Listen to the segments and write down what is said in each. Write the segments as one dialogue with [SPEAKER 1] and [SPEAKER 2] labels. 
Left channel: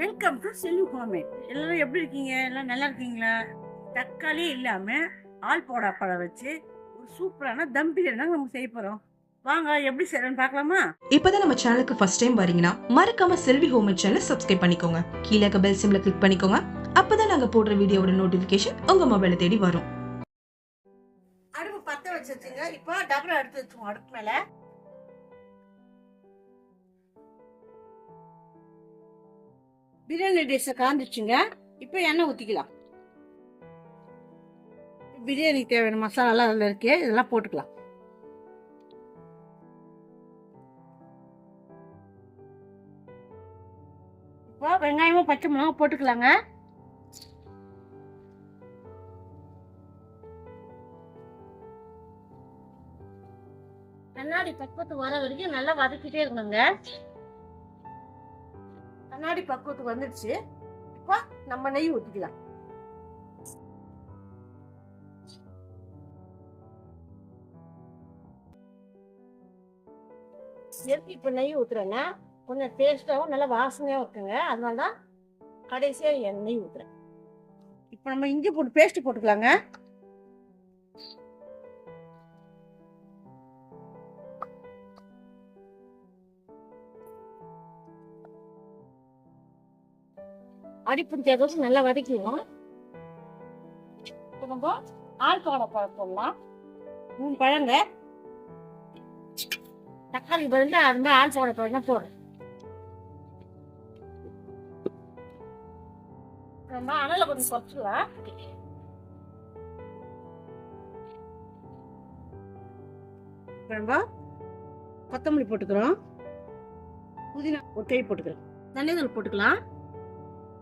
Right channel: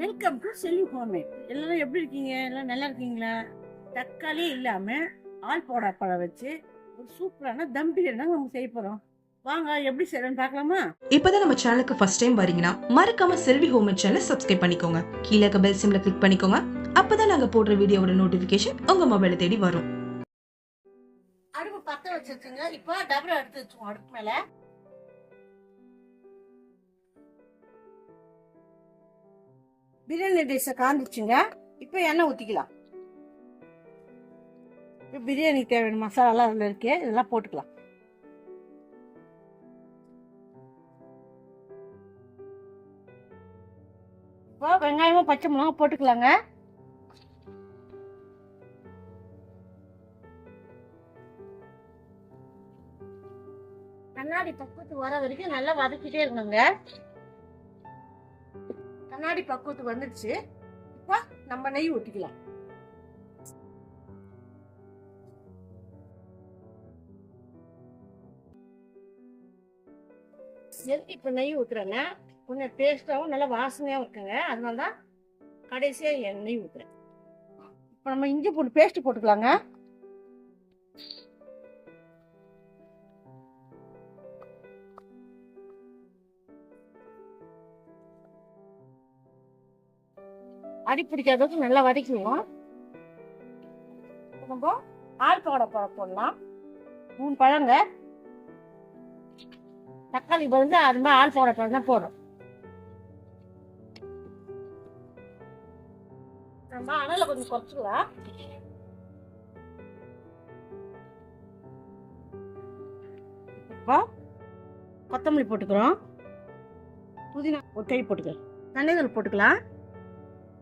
[SPEAKER 1] Welcome to Selvi homemade எல்லாரும் எப்படி இருக்கீங்க? எல்லாம் நல்லா இருக்கீங்களா? தக்காளியே இல்லாமல் ஆள் போடா பழம் வச்சு ஒரு சூப்பரான தம் பிரியாணி தாங்க நம்ம செய்ய போகிறோம் வாங்க எப்படி செய்யறோம்னு பார்க்கலாமா?
[SPEAKER 2] இப்போதான் நம்ம சேனலுக்கு ஃபர்ஸ்ட் டைம் வரீங்கன்னா மறக்காம செல்வி ஹோம் சேனலை சப்ஸ்கிரைப் பண்ணிக்கோங்க. கீழே பெல் சிம்ல கிளிக் பண்ணிக்கோங்க. அப்பதான் நாங்க போடுற வீடியோவோட நோட்டிபிகேஷன் உங்க மொபைலை தேடி வரும்.
[SPEAKER 1] அடுப்பு வச்சு வச்சுங்க இப்போ டபரா எடுத்து வச்சுக்கோங்க அடுப்பு மேலே. பிரியாணி டிஷ்ஷை காந்துச்சுங்க இப்போ எண்ணெய் ஊற்றிக்கலாம் பிரியாணிக்கு தேவையான மசாலாலாம் அதில் இருக்கு. இதெல்லாம் போட்டுக்கலாம். இப்போ வெங்காயமும் பச்சை மிளகாவும் போட்டுக்கலாங்க. கண்ணாடி பக்குவத்துக்கு வர வரைக்கும் நல்லா வதக்கிட்டே இருக்கணுங்க. கண்ணாடி பக்குவத்துக்கு வந்துடுச்சு. இப்போ நம்ம நெய் ஊற்றிக்கலாம் எதுக்கு இப்போ நெய் ஊற்றுறேன்னா கொஞ்சம் டேஸ்ட்டாகவும் நல்லா வாசனையாகவும் இருக்குங்க. அதனால தான் கடைசியாக என் நெய் ஊற்றுறேன் இப்போ நம்ம இஞ்சி போட்டு பேஸ்ட்டு போட்டுக்கலாங்க. அடி பிடிக்காத நல்லா வதக்கிடுவோம் நம்ம ஆழ்பாடை பழம் போடலாம். மூணு பழங்க. தக்காளி பதில் அது மாதிரி ஆழ்பாடை பழம் தான் போடுறோம். நம்ம அனலை கொஞ்சம் குறைச்சிக்கலாம் நம்ம கொத்தமல்லி போட்டுக்கிறோம். புதினா ஒட்டை போட்டுக்கிறோம். தண்ணிதூள் போட்டுக்கலாம்.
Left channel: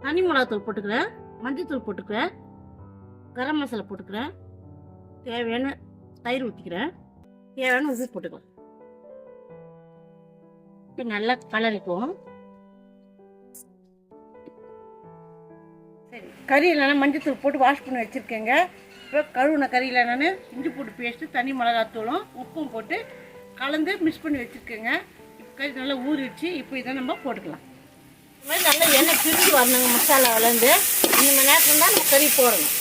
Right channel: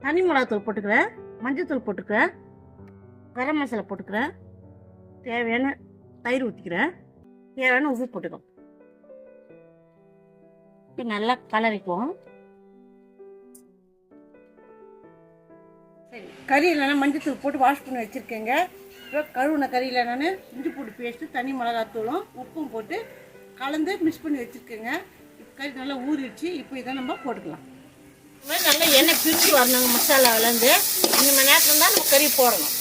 [SPEAKER 1] தனி மிளகாத்தூள் போட்டுக்கிறேன் மஞ்சத்தூள் போட்டுக்கிறேன் கரம் மசாலா போட்டுக்கிறேன் தேவையான தயிர் ஊற்றிக்கிறேன் தேவையான உப்பு போட்டுக்கலாம் இப்போ நல்லா கலரிக்குவோம் சரி கறியில் நான் மஞ்சத்தூள் போட்டு வாஷ் பண்ணி வச்சுருக்கேங்க. இப்போ கழுவுன கறியில் நான் இஞ்சி பூண்டு பேஸ்ட்டு தனி மிளகாத்தூளும் உப்பும் போட்டு கலந்து மிக்ஸ் பண்ணி வச்சுருக்கேங்க. இப்போ கறி நல்லா ஊறிடுச்சு இப்போ இதை நம்ம போட்டுக்கலாம். மாதிரி நல்லா எண்ணெய் பிரிஞ்சு வரணுங்க மசாலாவிலேருந்து இந்த மணி நேரத்தில் தான் நம்ம கறி போடணும்.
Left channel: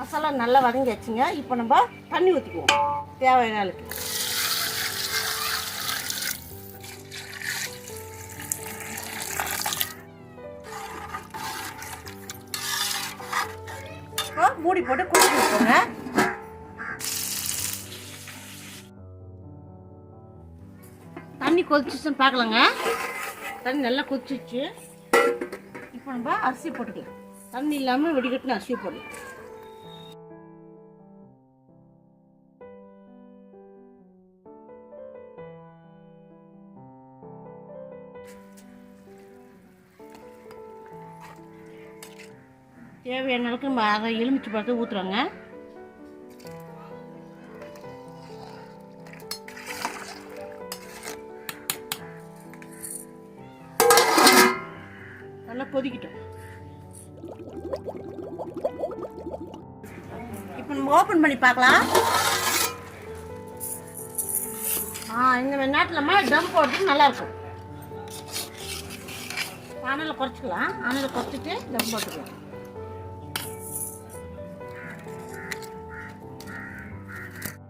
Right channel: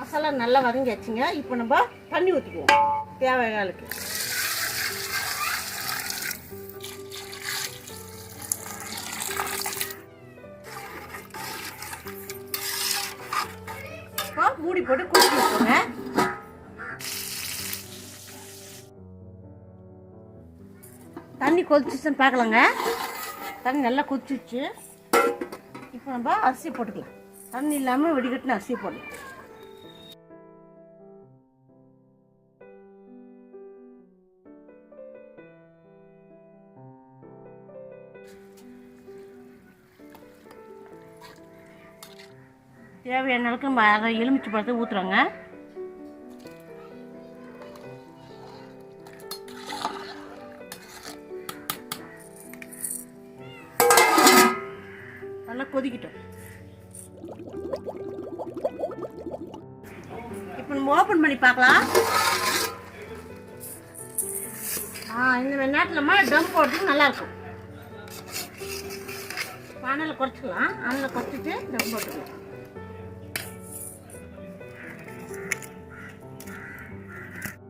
[SPEAKER 1] மசாலா நல்லா வதங்கி வச்சுங்க இப்போ நம்ம தண்ணி ஊற்றிக்குவோம் தேவையான அளவுக்கு. மூடி போட்டு குடிச்சு வச்சுக்கோங்க தண்ணி கொதிச்சிச்சுன்னு பார்க்கலாங்க. தண்ணி நல்லா கொதிச்சிச்சு. இப்போ நம்ம அரிசி போட்டுக்கலாம். தண்ணி இல்லாமல் வெடிகட்டின அரிசி போடலாம். தேவையான அளவுக்கு ம- அதை எலுமிச்சை பழத்தை ஊற்றுறாங்க நல்லா கொதிக்கிட்டோம். இப்போ நம்ம ஓப்பன் பண்ணி பார்க்கலாம். ஆ இந்த மாதிரி நேரத்தில்மா டம் போட்டு நல்லாயிருக்கும் அனலை குறைச்சிக்கலாம். அனலை குறைச்சிட்டு டம் போட்டுக்கலாம்.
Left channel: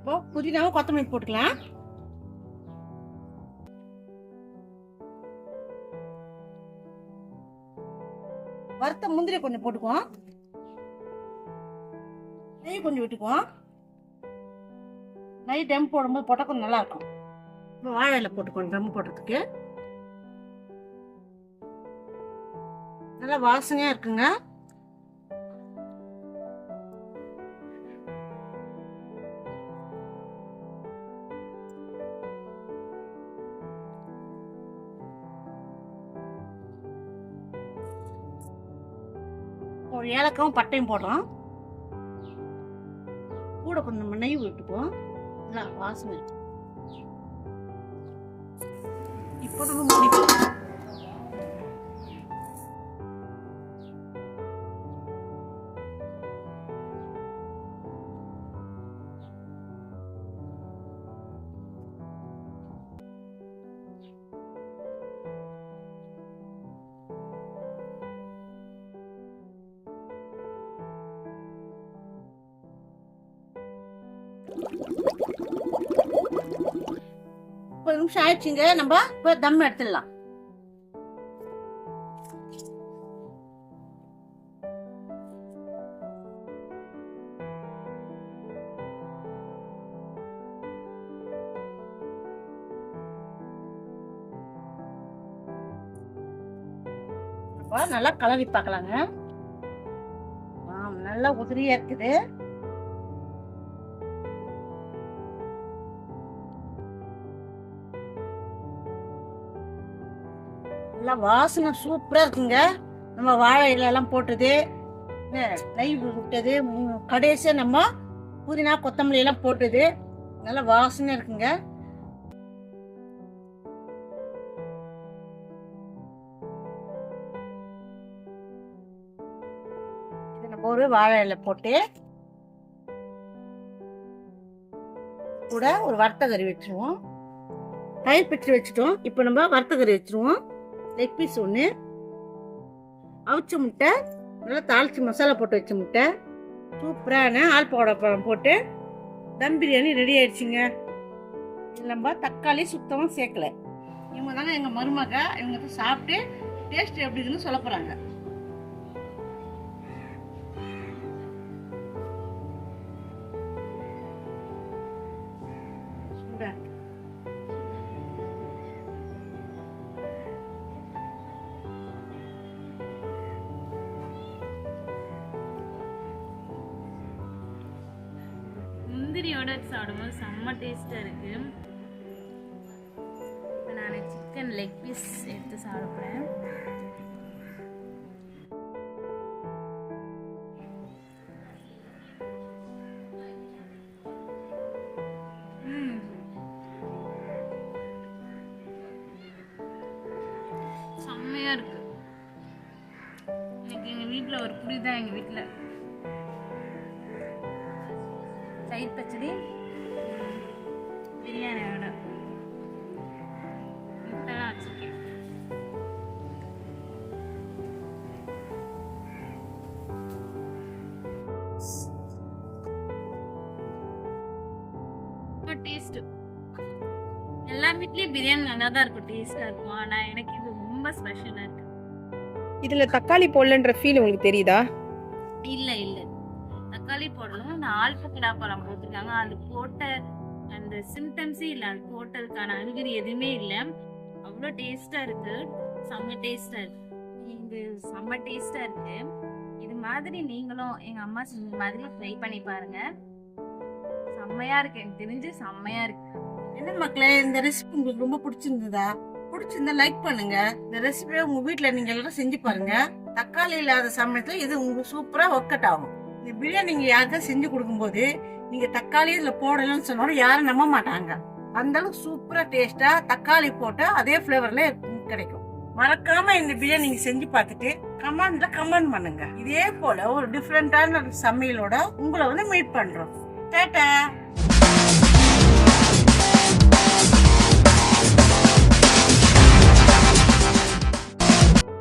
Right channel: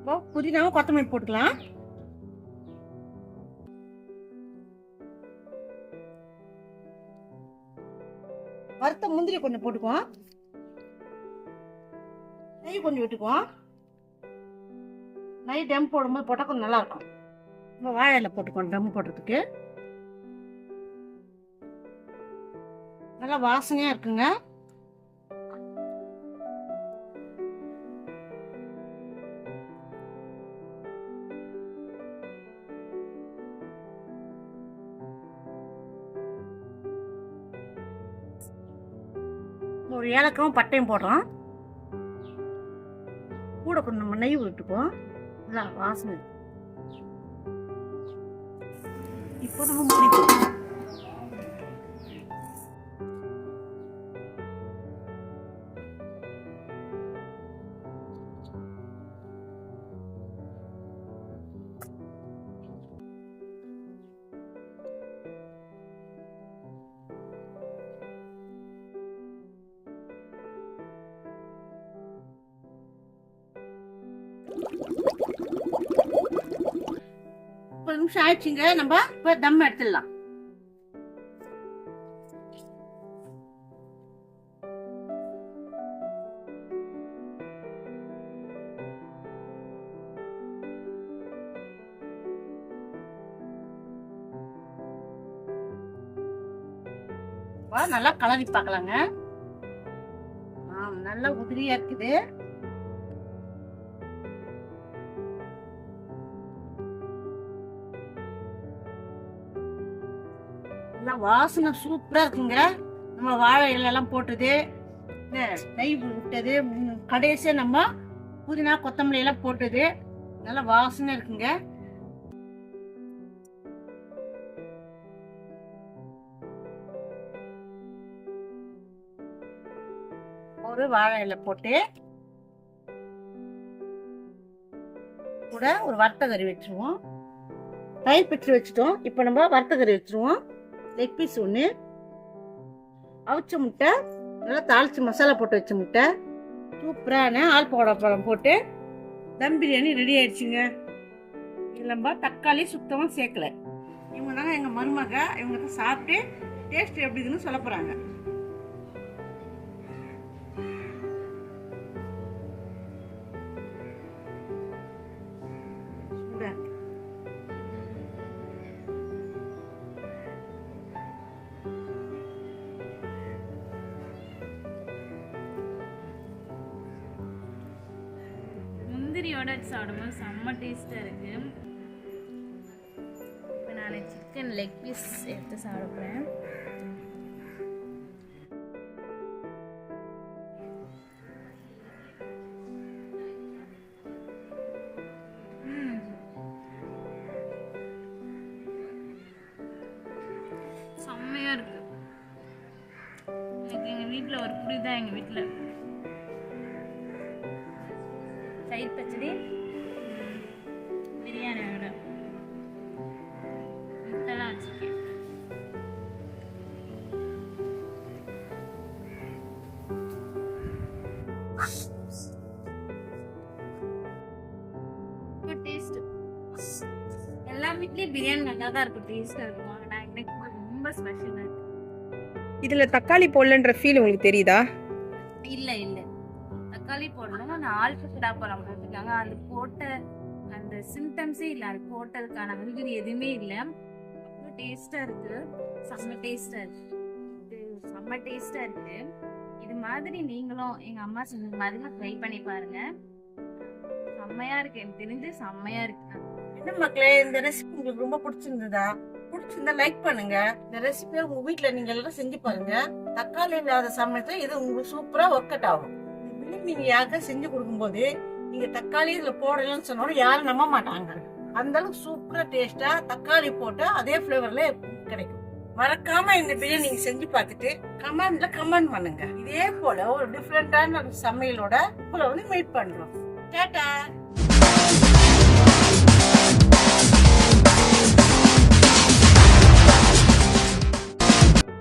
[SPEAKER 1] இப்போ புதினாவும் கொத்தமல்லி போட்டுக்கலாம். வறுத்த முந்திரி கொஞ்சம் போட்டுக்குவோம். நெய் கொஞ்சம் விட்டுக்குவோம். நெய் டம் போடும்போது போட்டால் கொஞ்சம் நல்லாயிருக்கும். இப்போ வாழை இலை போட்டுக்குவோம் டம் போடுறதுக்கு. நல்லா வாசனையாக இருக்குங்க. ஒரு ஏலக்காவும் பட்டையும் போடுறோம். கூட கொஞ்சம் நெய் விட்டுக்குவோம். நல்லா வாசனை. இப்போ நம்ம முடிப்போம் ஒரு நிமிஷம் ஆயிடுச்சுங்க. நம்ம இப்போ தம் எடுத்துடலாம். நல்லா கலரி பார்க்கலாங்க. ஆ நல்லா உதிரியா இருக்குது. நல்லா வாசனை சூப்பராக இருக்குங்க. நம்ம வாழை இலையெல்லாம் போட்டது நெய் விட்டது கடைசியாக நம்ம புதினா கொத்தமல்லி எல்லாம் போட்டது. நல்லா வாசனையா இருக்குங்க. ஒரு வாழை இலை போட்டு கூட ஒரு வறுத்த கறி வச்சிருவோம். தயிர் பிச்சு வச்சுட்டோம். இப்போ நம்ம வறுத்த கறி வச்சிருவோம். லெக் பீஸ் ஒன்று அவிச்ச முட்டை நல்லா தாளிச்சு மசாலா போட்டு வச்ச முட்டை. சூப்பரான ஆல் பழம் போட்டு. தம் பிரியாணி ரெடி ஆயிடுச்சுங்க. நம்ம தக்காளி சுத்தமாக சேர்க்கல. இவங்க தாங்க எங்கள் மருமக இவங்க சாப்பிட்டு டேஸ்ட் எப்படி இருக்குன்னு சொல்ல போகிறாங்க
[SPEAKER 3] முந்திரியோட சாப்பிடும்போது செம்ம டேஸ்ட்டாக இருக்கு. இப்போ நான் சிக்கன் லெக் பீஸ் எடுத்து சாப்பிட்றேன். செம்மையாக இருக்கு. எனக்கு எங்கள் வீட்டில் ஒரு புடி தான் எங்கள் வீட்டில் தயிர் பச்சடி ம், பிரியாணியோட முட்டைலாம் வச்சுருக்கேன். டேஸ்ட்டு எல்லா வீட்லேயும் பிரியாணி நல்லா தான் இருக்கும் டேஸ்ட்டாக இருக்கும். ஆனால் எனக்கு இது ரொம்ப ஸ்பெஷலாக இருக்கு.
[SPEAKER 4] இதுல தக்காளி போடலன்ற ஃபீல் உங்களுக்கு தெரியுதா?
[SPEAKER 3] இல்லை இல்லை. தக்காளி போடணும். நான் ஆல்பக்கடா பழம் போட்டிருக்காங்க. அது போட்ட அந்த சிம்டம்ஸே இல்லை. அது போட்டதுக்கான அறிகுறி எதுவுமே இல்லை. அவ்வளோ டேஸ்ட்டாக இருக்கு. செம்ம டேஸ்ட்டாக இருக்கு. இது செம்ம டேஸ்ட்டாக இருக்கு. இது மாதிரி நீங்களும் எங்கள் அம்மா செஞ்ச மாதிரி ட்ரை பண்ணி பாருங்க. செம்மையாக இருக்கு. எனக்கு தெரிஞ்சு செம்மையாக இருக்கு.
[SPEAKER 1] என்ன மக்களே இந்த ரெசிபி உங்களுக்கு ரொம்ப பிடிச்சிருந்ததா? பிடிச்சிருந்தா லைக் பண்ணுங்க. இந்த ரெசிபியை உங்க வீட்டில் நீங்க எல்லாரும் செஞ்சு பாருங்க. தக்காளி இல்லாத சமயத்தில் இது உங்களுக்கு சூப்பராக ஒர்க் அவுட் ஆகும். இந்த பிரியாணி நீங்க யாருக்கா செஞ்சு கொடுக்கும்போது நீங்க தக்காளி இதுல போடலன்னு சொன்னாலும் யாரும் நம்ப மாட்டாங்க. அந்த அளவுக்கு சூப்பரா டேஸ்டா தக்காளி போட்டால் அதே ஃப்ளேவரில் கிடைக்கும். மறக்காம இந்த பிரியாணி நீங்க செஞ்சு பார்த்துட்டு கமெண்ட்ல கமெண்ட் பண்ணுங்க. இதே போல ஒரு டிஃப்ரெண்டான சமையலோட உங்களை வந்து மீட் பண்றோம். டேட்டா!